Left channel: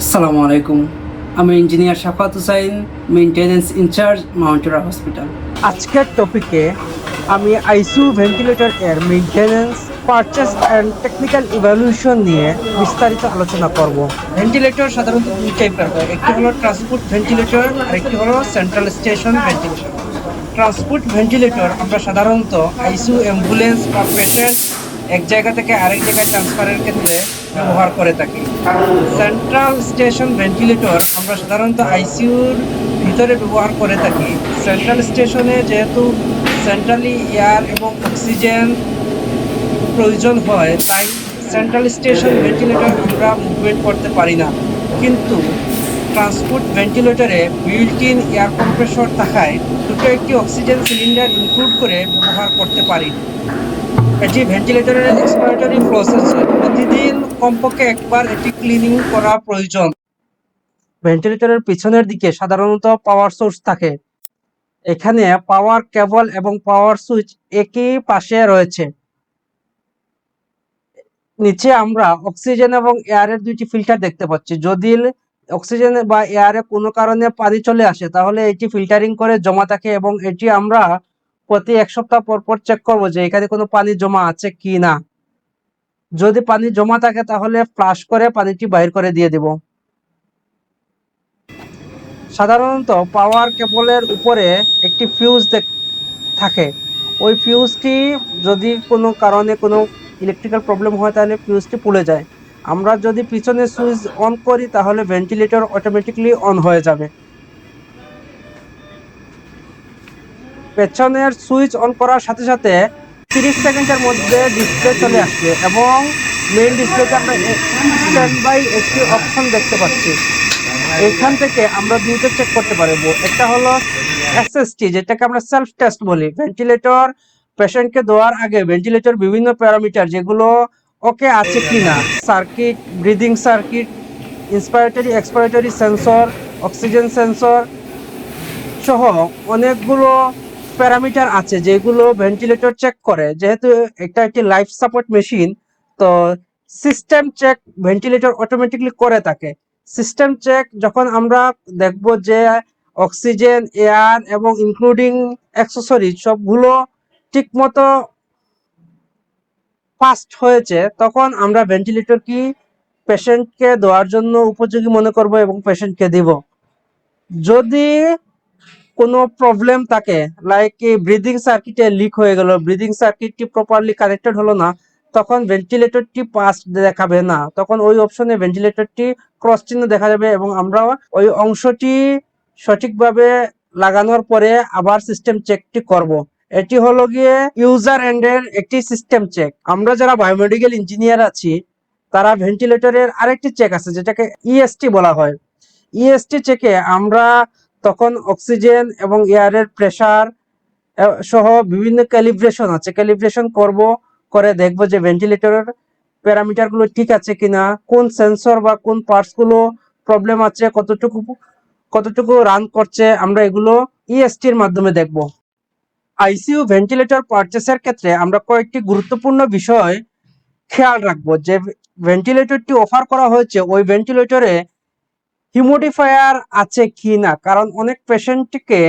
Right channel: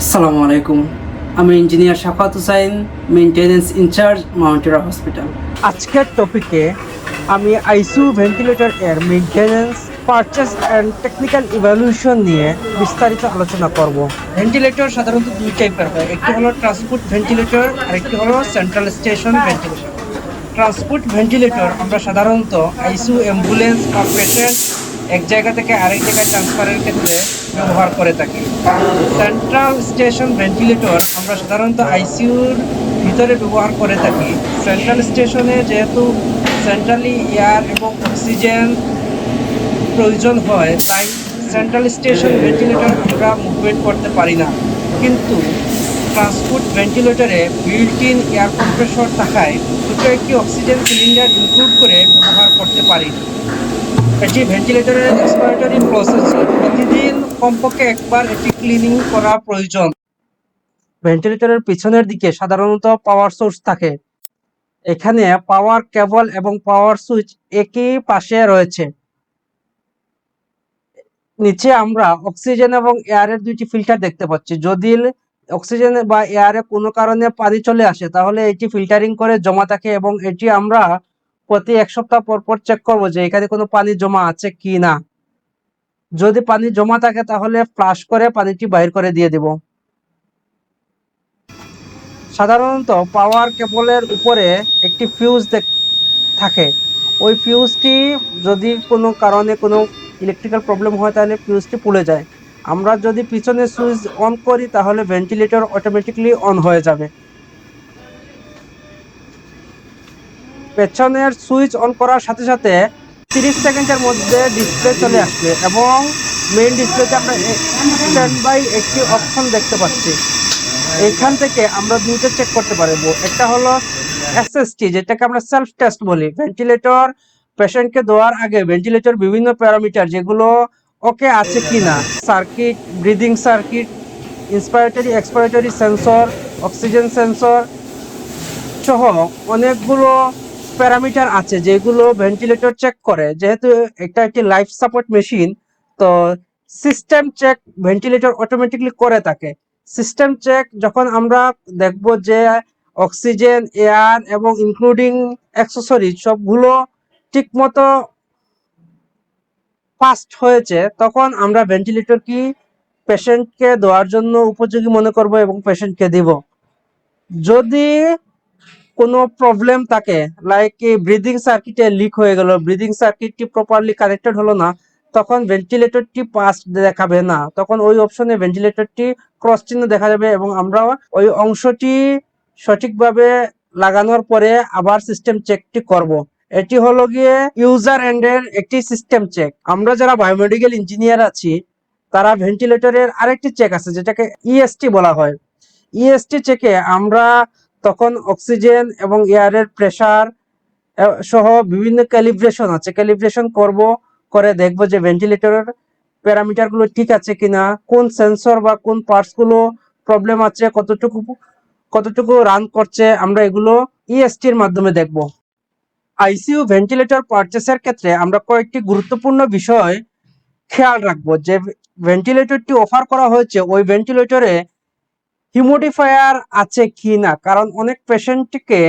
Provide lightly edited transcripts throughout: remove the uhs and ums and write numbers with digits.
আসসালামু আলাইকুম। আমি engineer Shafat Hussain, maintenance in-charge মাউন্টেরা হসপিটাল। আজকের টপিকে আমি আইসিইউ ভেন্টিলেটর এর maintenance, purchase and technical evaluation নিয়ে বিস্তারিত আলোচনা করব। ভেন্টিলেটর সাধারণত দুই টাইপের হয়, একটি হলো ট্রান্সপোর্ট ভেন্টিলেটর আর একটি হলো central station ventilator. Transport ventilator আমরা সাধারণত আইসিইউ অ্যাম্বুলেন্স বা পেশেন্ট এক জায়গা থেকে আরেক জায়গায় ট্রান্সফারের ক্ষেত্রে ব্যবহার করে থাকি। সেন্ট্রাল স্টেশন ভেন্টিলেটর আমরা সাধারণত আইসিইউর ভিতরে ব্যবহার করে থাকি। সেন্ট্রাল স্টেশনে যেহেতু সেন্ট্রালি এয়ার এবং অক্সিজেন প্রয়োজন হয়, তাই সেন্ট্রাল স্টেশন ভেন্টিলেটর আমরা মুভমেন্ট করতে পারি না। কিন্তু ট্রান্সপোর্ট ভেন্টিলেটরে বিল্ট ইন এয়ার কম্প্রেসর থাকায় ছোট একটি অক্সিজেন সিলিন্ডার ইনক্লুড করে ব্যবহার করতে পারি। এটি ভেন্টিলেটরের এক্সপারেটরি প্রসেস, প্রতিদিন কমপক্ষে একবার এটি ক্লিনিং করা প্রয়োজন। ভেন্টিলেটরের পেছনের দিকে সাধারণত পাওয়ার সুইচ থাকে। এখানে পাওয়ার কেবল এবং পাওয়ার সুইচ একই পাশে রয়েছে। নিচে আমরা অক্সিজেন এবং এয়ারের দুইটি ফিল্টার দেখতে পাচ্ছি। যদি অক্সিজেন বা এয়ারে কোনো কারণে পানি চলে আসে, তাহলে এটি ফিল্টারিং করে জমা থাকে এবং এটি আমরা প্রতি এক সপ্তাহ পর পর চেক করব যে এখানে কোনো পানি জমা আছে কি না। যদি পানি জমা থাকে তাহলে ফ্লাশ করে পানিটি বাইর করে দিয়ে দেব। সাধারণত পাওয়ার কেবলের উপরে একটি ফিউজ থাকে। ওই ফিউজটি যদি কোনো কারণে কোনো ইলেকট্রিক্যাল প্রবলেম হয় তাহলে ফিউজটি পুড়ে যায়। আমরা যদি পিছনে সুইচ অন করি তাহলে ভেন্টিলেটর অটোমেটিক্যালি অন হয়ে যাবে। পেছনের সুইচ অন করার সাথে সাথে 30 সেকেন্ডের মধ্যে ডিসপ্লে চলে আসবে এবং মেইন ডিসপ্লেতে আমরা স্ট্যান্ড বাই একটি অপশন দেখতে পাচ্ছি। এখান থেকে আমরা দুইটা চেক করতে পারবো। একটা হলো এসএসটি, যেটাকে আমরা সেলফ টেস্ট বলি। ভেন্টিলেটর পেশেন্টকে দেওয়ার আগে ভেন্টিলেটর বিভিন্ন প্যারামিটার যেগুলো ওকে আছে কিনা, circuit, breathing circuit, inspiratory expiratory sensor, oxygen sensor সহ অনেকগুলো প্যারামিটার আছে যেগুলো ভেন্টিলেটর চেক করে। যেহেতু এটা একটি লাইফ সাপোর্ট মেশিন, তো সিস্টেম চেক ভেন্টিলেটর অটোমেটিকলি করে থাকে। সিস্টেম চেক যখন আমরা দেখব যে অক্সিজেন, এয়ার এবং ইনক্লুডিং অ্যাক্সেসরিজ সবগুলো ঠিকমতো ফাস্ট হয়েছে, তখন আমরা ভেন্টিলেটর কি পেশেন্টকে দেওয়ার জন্য উপযোগী মনে করব এবং পেশেন্টকে দিব। যদি কোনো প্রবলেম থাকে, লাইক ব্রিদিং সার্কিটে লিক হয়ে গেল, ব্রিদিং সার্কিটটি প্রপারলি কানেক্টেড হলো না, তখন ভেন্টিলেটরটি পাস দেখাবে না। তখন ওই অপশনে ভেন্টিলেটরটি ক্রস চিহ্ন দেখা যাবে এবং আমরা ওই অংশটি সঠিকভাবে লাগানোর পরে আবার সিস্টেম চেকটি করব। এটি হলো গিয়ে ইউজার এন্ডের একটি সিস্টেম চেক। আমরা যারা বায়োমেডিক্যাল ইঞ্জিনিয়ার আছি, তারা ভেন্টিলেটরের আরেকটি চেক আছে যেটাকে ইএসটি বলা হয়। ইএসটি চেকে আমরা তখন অক্সিজেন এবং এয়ারের প্রেসার সহ বিভিন্ন ক্যালিব্রেশন আছে, ক্যালিব্রেশন করব, করে দেখব যে ভেন্টিলেটরের প্যারামিটার গুলো ঠিক আছে কিনা, কোন সেন্সর বা কোন পার্টস গুলো প্রবলেম আছে, কতটুকু কতটুকু রান করছে, আমরা এগুলো ইএসটি এর মাধ্যমে দেখব। আইসিইউ ভেন্টিলেটর পারচেসের ক্ষেত্রে আমরা কয়েকটি গুরুত্বপূর্ণ বিষয় খেয়াল রাখবো। যে ভেন্টিলেটরটি অফার করা হয়েছে ওই ভেন্টিলেটরে হিউমিডিফায়ার আছে কিনা, কারণ অনেক পেশেন্টকে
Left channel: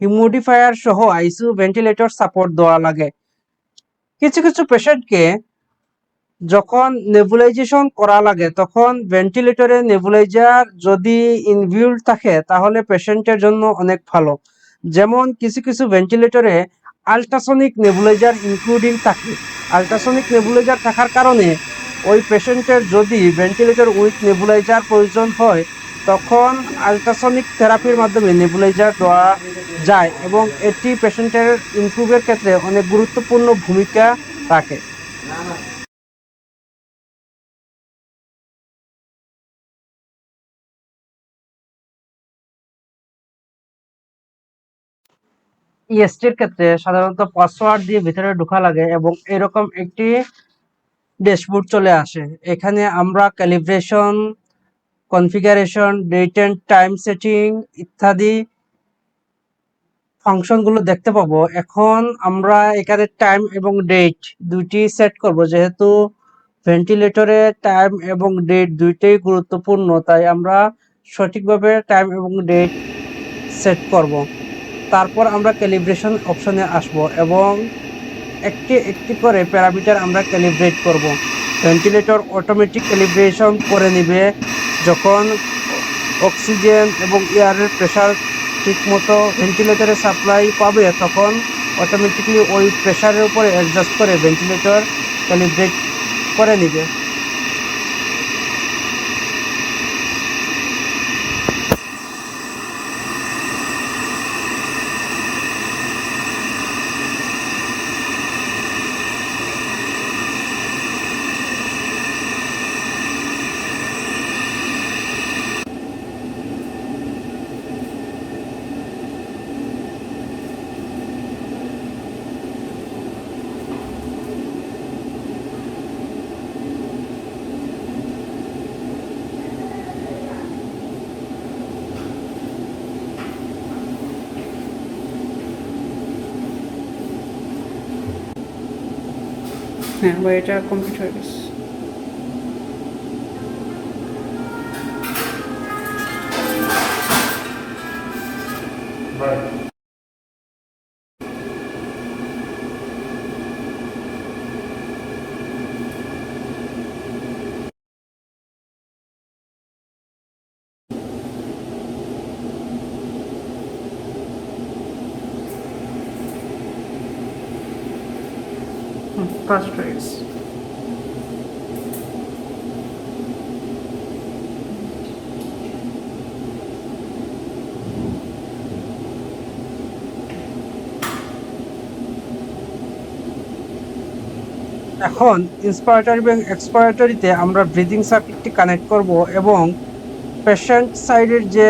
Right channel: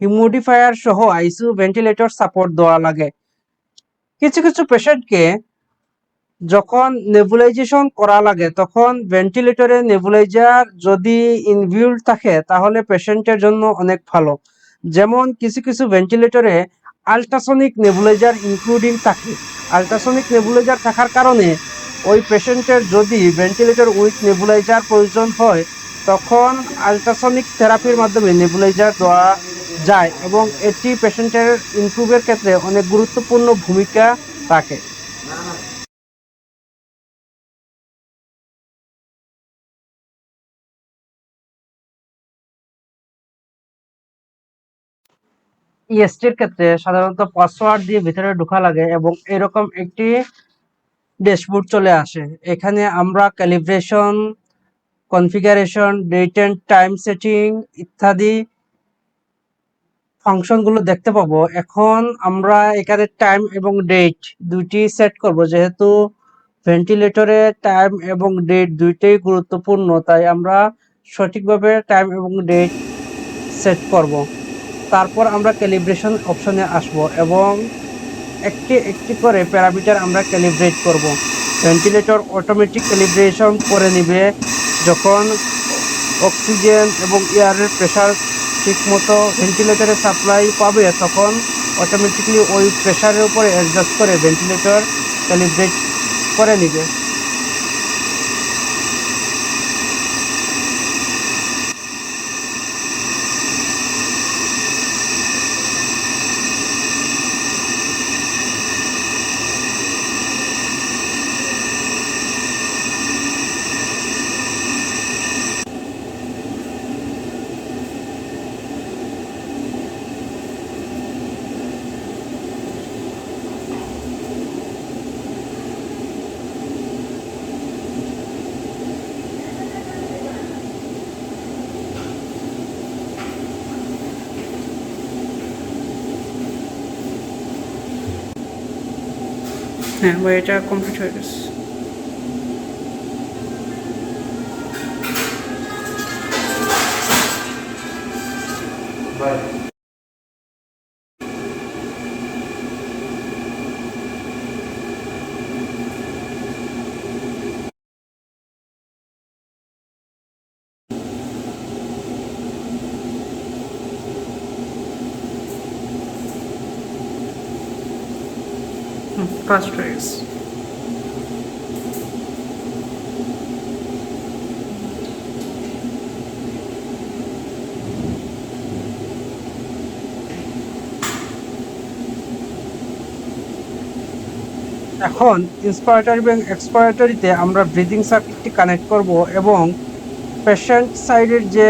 হিউমিডিফায়ার সহ আইসিইউ ভেন্টিলেটর সাপোর্ট দেওয়া লাগে। কিছু কিছু পেশেন্টকে যখন নেবুলাইজেশন করা লাগে তখন ভেন্টিলেটরে নেবুলাইজার যদি ইনবিল্ট থাকে তাহলে পেশেন্টের জন্য অনেক ভালো। যেমন কিছু কিছু ভেন্টিলেটরে আল্ট্রাসনিক নেবুলাইজার ইনক্লুডিং থাকে। আল্ট্রাসনিক নেবুলাইজার থাকার কারণে ওই পেশেন্টের যদি ভেন্টিলেটর উইথ নেবুলাইজার প্রয়োজন হয়, তখন আল্ট্রাসনিক থেরাপির মাধ্যমে নেবুলাইজার দেওয়া যায় এবং এটি পেশেন্টের ইমপ্রুভের ক্ষেত্রে অনেক গুরুত্বপূর্ণ ভূমিকা রাখে। ইএসটির ক্ষেত্রে সাধারণত পাসওয়ার্ড দিয়ে ভিতরে ঢোকা লাগে এবং এরকম একটি ড্যাশবোর্ড চলে আসে। এখানে আমরা calibration, configuration, date and time setting ইত্যাদি ফাংশনগুলো দেখতে পাবো। এখন আমরা এখানে টাইম এবং ডেট দুটি সেট করব, যেহেতু ভেন্টিলেটরে টাইম এবং ডেট দুইটাই গুরুত্বপূর্ণ, তাই আমরা সঠিকভাবে টাইম এবং ডেট সেট করব। তারপর আমরা ক্যালিব্রেশন অপশনে আসবো এবং একটি একটি করে প্যারামিটার আমরা ক্যালিব্রেট করব। ভেন্টিলেটর অটোমেটিক ক্যালিব্রেশন করে নেবে যখন অক্সিজেন এবং এয়ারের প্রেশার ঠিকমতো ভেন্টিলেটরে সাপ্লাই পাবে, তখন অটোমেটিকলি ওই প্রেশারের উপরে অ্যাডজাস্ট করে ভেন্টিলেটর ক্যালিব্রেট করে নেবে। হ্যাঁ, এটা কমপ্লিট হয়ে গেছে। ফার্স্ট হয়ে গেছে। এখন ইন্সপায়ারেটরি এবং এক্সপায়ারেটরিতে আমরা ব্রিদিং সার্কিটটি কানেক্ট করব এবং পেশেন্ট সাইডের যে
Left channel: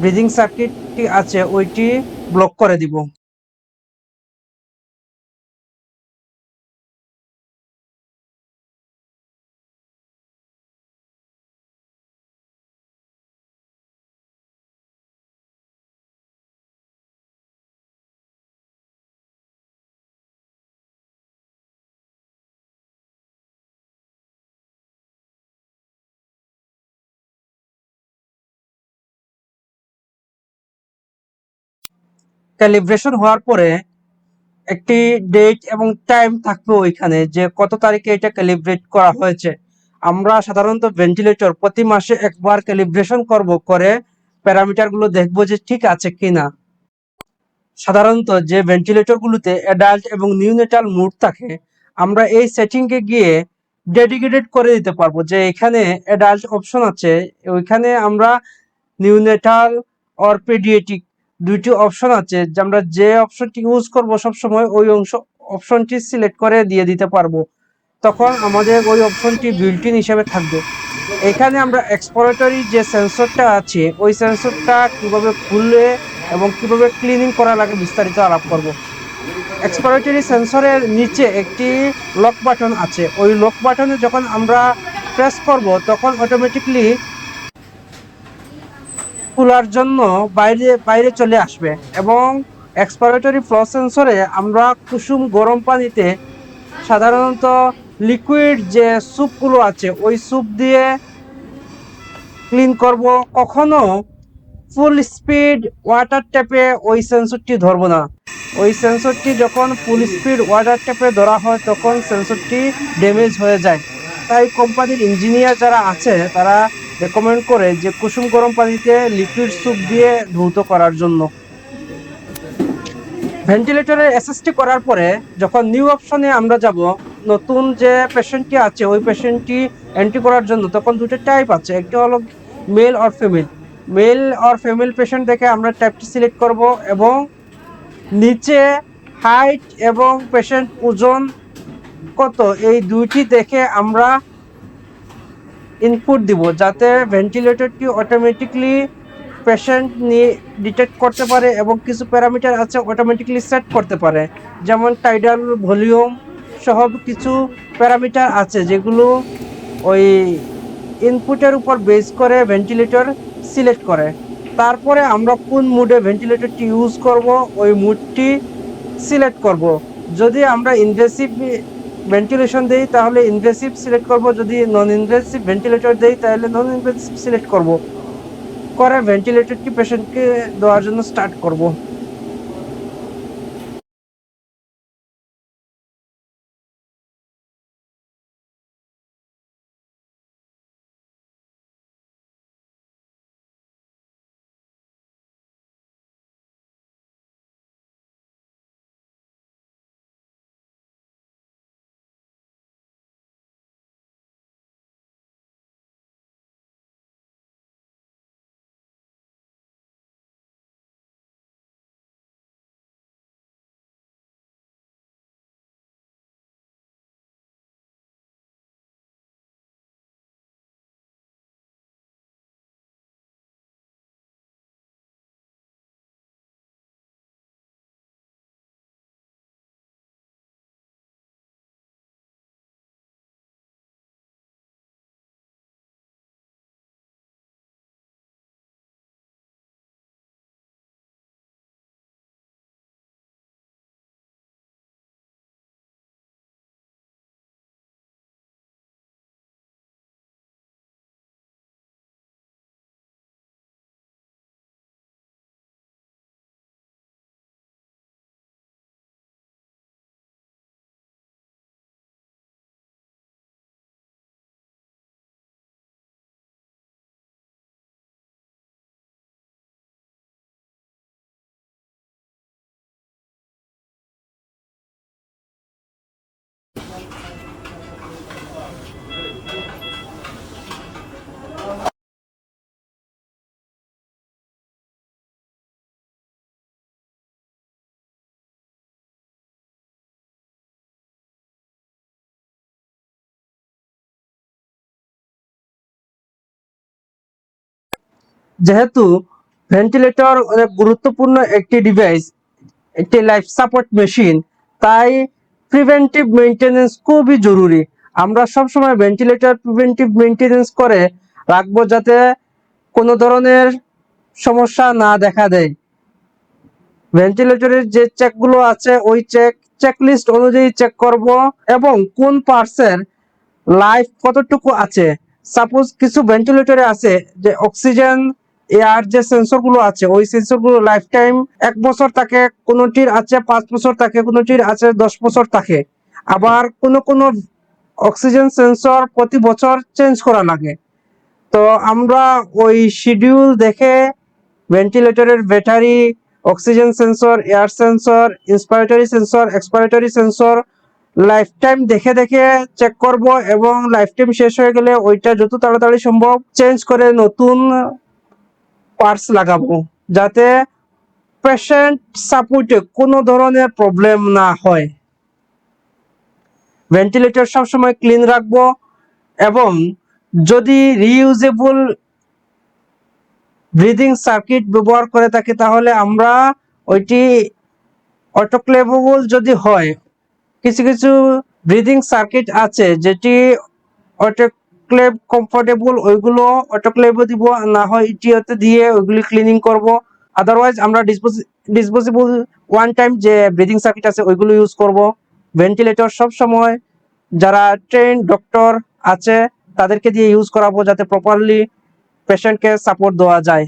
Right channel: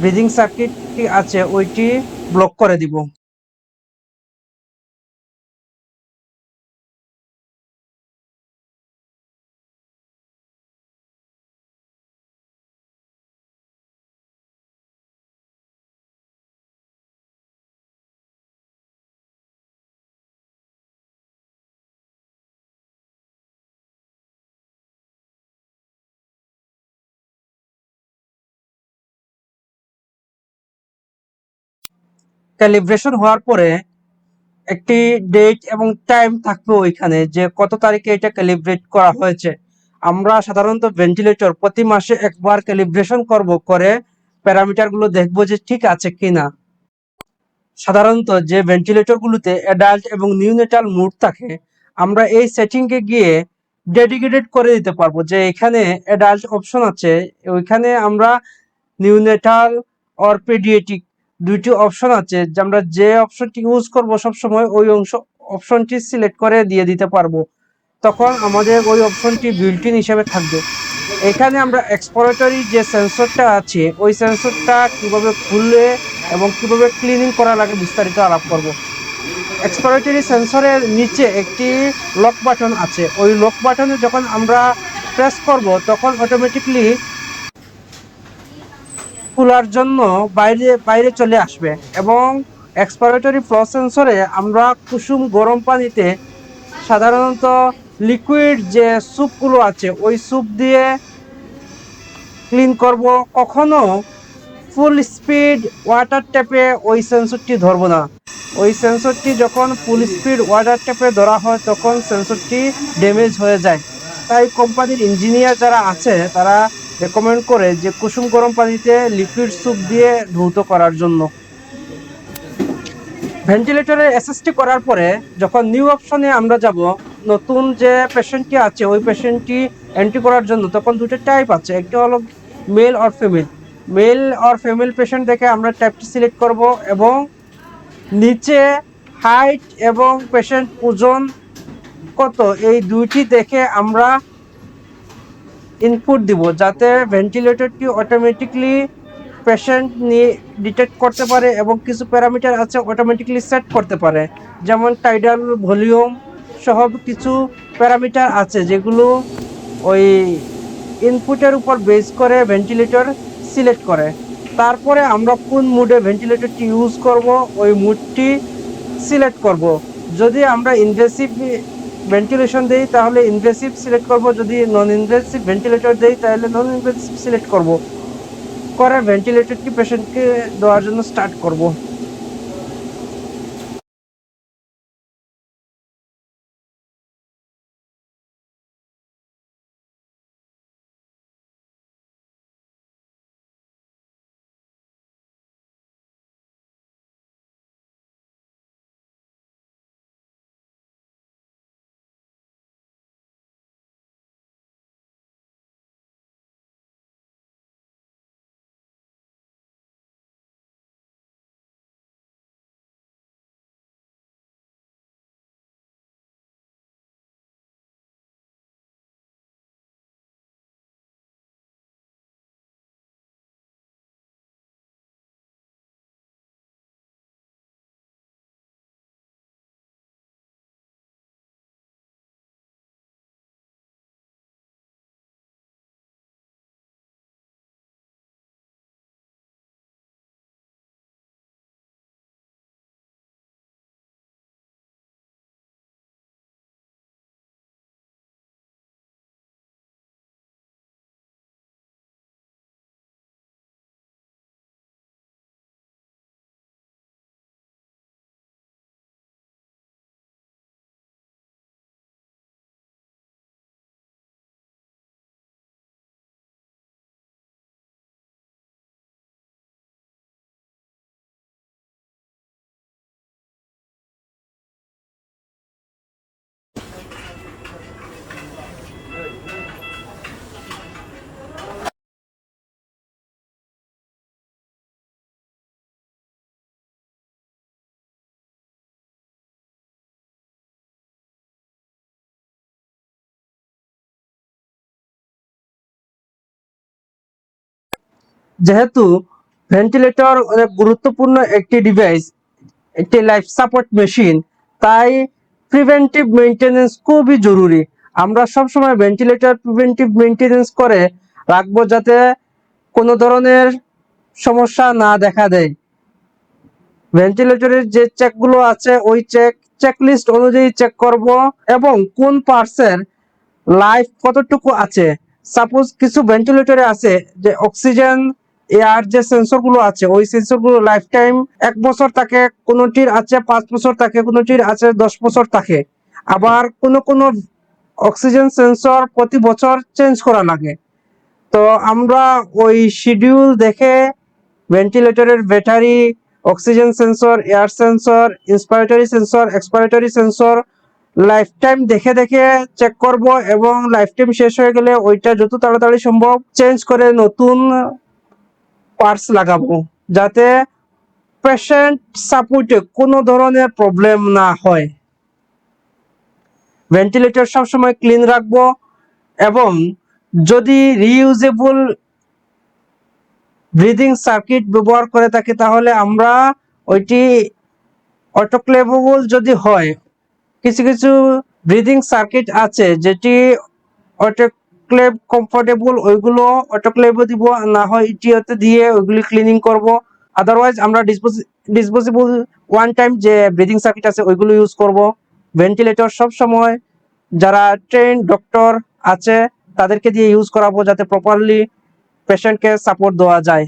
ব্রিদিং সার্কিটটি আছে ওইটি ব্লক করে দিব। ক্যালিব্রেশন হওয়ার পরে একটি ডেট এবং টাইম থাকবে ওইখানে যে কত তারিখে এটা ক্যালিব্রেট করা হয়েছে। আমরা সাধারণত ভেন্টিলেটর প্রতি মাসে একবার ক্যালিব্রেশন করব, করে প্যারামিটারগুলো দেখব যে ঠিক আছে কিনা। সাধারণত যে ভেন্টিলেটরগুলোতে অ্যাডাল্ট এবং নিউনেটাল মোড থাকে, আমরা এই সেটিংকে গিয়ে ডেডিকেটেড করে দিতে পারবো যে এখানে অ্যাডাল্ট অপশন আছে, ওইখানে আমরা নিউনেটাল অর পেডিয়াট্রিক দুইটি অপশন আছে, যে আমরা যে অপশনটি ইউজ করব সবসময় ওই অপশনটি সিলেক্ট করে দিয়ে দিতে পারবো। তখন আমাদের ওই অপশনটি বিল্ট ইন হিসেবে থাকবে। এখানে আমরা এক্সপ্লোরেটরি যে সেন্সরটা আছে ওই সেন্সরটা কিভাবে খুললে এবং কিভাবে ক্লিনিং করা লাগে বিস্তারিত আলাপ করব। এক্সপ্লোরেটরি সেন্সরের নিচে একটি লক বাটন আছে, ওই লক বাটনে যখন আমরা প্রেস করব তখন অটোমেটিকলি খোলার জন্য বাইরে বাইরে চলে আসবে। এবং এক্সপ্লোরেটরি ফ্লো সেন্সরে আমরা কুসুম গরম পানিতে সাধারণত লিকুইড যে স্যুপগুলো আছে ওই স্যুপ দিয়ে ক্লিন করব, কখনো ফুল স্পিড ওয়াটার ট্যাপে ওই সেন্সরটি ধরবো না। ওই সেন্সরটি যখন ফুল স্পিড ওয়াটার ট্যাপে ধরা হয় তখন সেন্সরটি ড্যামেজ হয়ে যায়। তাই কোম্পানির ইঞ্জিনিয়ার যারা আছে তারা রেকমেন্ড করে যে কুসুম গরম পানিতে লিকুইড স্যুপ দিয়ে দ্রুত করার জন্য। ভেন্টিলেটরের এসএসটি করার পরে যখন নিউ অপশনে আমরা যাব, নতুন যে পেশেন্টটি আছে ওই পেশেন্টটি এন্ট্রি করার জন্য, তখন দুটো টাইপ আছে, একটি হলো male or female. Male or female patient দেখে আমরা টাইপটি সিলেক্ট করব এবং নিচে হাইট এবং পেশেন্ট ওজন কত এই দুইটি দেখে আমরা ইনপুট দিব, যাতে ভেন্টিলেটরটি অটোমেটিকলি পেশেন্ট ডিটেক্ট করতে পারে এবং কিছু প্যারামিটার আছে অটোমেটিকলি সেট করতে পারে, যেমন টাইডাল, ভলিউম সহ কিছু প্যারামিটার আছে যেগুলো ওই ইনপুটের উপর বেস করে ভেন্টিলেটর সিলেক্ট করে। তারপরে আমরা কোন মুডে ভেন্টিলেটরটি ইউজ করব ওই মুডটি সিলেক্ট করব। যদি আমরা ইনভেসিভ ভেন্টিলেশন দেই তাহলে ইনভেসিভ সিলেক্ট করব, যদি নন ইনভেসিভ ভেন্টিলেটর দেই তাহলে নন ইনভেসিভ সিলেক্ট করব, করে ভেন্টিলেটরটি পেশেন্টকে দেওয়ার জন্য স্টার্ট করব। যেহেতু ভেন্টিলেটর অনেক গুরুত্বপূর্ণ একটি ডিভাইস, একটি লাইফ সাপোর্ট মেশিন, তাই প্রিভেন্টিভ মেইনটেনেন্স খুবই জরুরি। আমরা সবসময় ভেন্টিলেটর প্রিভেন্টিভ মেইনটেনেন্স করে রাখবো যাতে কোনো ধরনের সমস্যা না দেখা দেয়। ভেন্টিলেটরের যে চেকগুলো আছে ওই চেকলিস্ট অনুযায়ী চেক করব, এবং কোন পার্টসের লাইফ কতটুকু আছে। সাপোজ কিছু ভেন্টিলেটরে আছে যে অক্সিজেন এয়ার যে সেন্সরগুলো আছে ওই সেন্সরগুলো লাইফ টাইম 1 বছর থাকে, কোনোটির আছে 5 বছর থাকে, কোনোটির আছে 10 বছর থাকে। আবার কোনো অক্সিজেন সেন্সর প্রতি বছর চেঞ্জ করা লাগে। তো আমরা ওই শিডিউল দেখে ভেন্টিলেটরের battery, oxygen sensor, air sensor, inspiratory sensor, expiratory sensor life time দেখে দেখে চেক করব, এবং লাইফ টাইম শেষ হয়ে গেলে ওইটা যত তাড়াতাড়ি সম্ভব চেঞ্জ করে নতুন পার্টস লাগাবো, যাতে পেশেন্ট সাপোর্টে কোনো ধরনের প্রবলেম না হয়। ভেন্টিলেটর সবসময় ক্লিন রাখবো, এবং যদি রিইউজেবল ব্রিদিং সার্কিট ব্যবহার করে থাকি তাহলে আমরা ওইটি অটোক্লেভেবল যদি হয়, কিছু কিছু ব্রিদিং সার্কিট আছে যেটি অটোক্লেভ কমফোর্টেবল, ওইগুলো অটোক্লেভে দিব, না হয় ইটিওতে দিয়ে ওইগুলি ক্লিনিং করব। আদারওয়াইজ আমরা ডিসপোজেবল ওয়ান টাইম যে ব্রিদিং সার্কিট আছে ওইগুলো ইউজ করব। ভেন্টিলেটর সব সময় যারা ট্রেন ডক্টর আছে তাদেরকে দিয়ে ইউজ করাবো, যাতে প্রপারলি পেশেন্টকে সাপোর্ট দেওয়া যায়।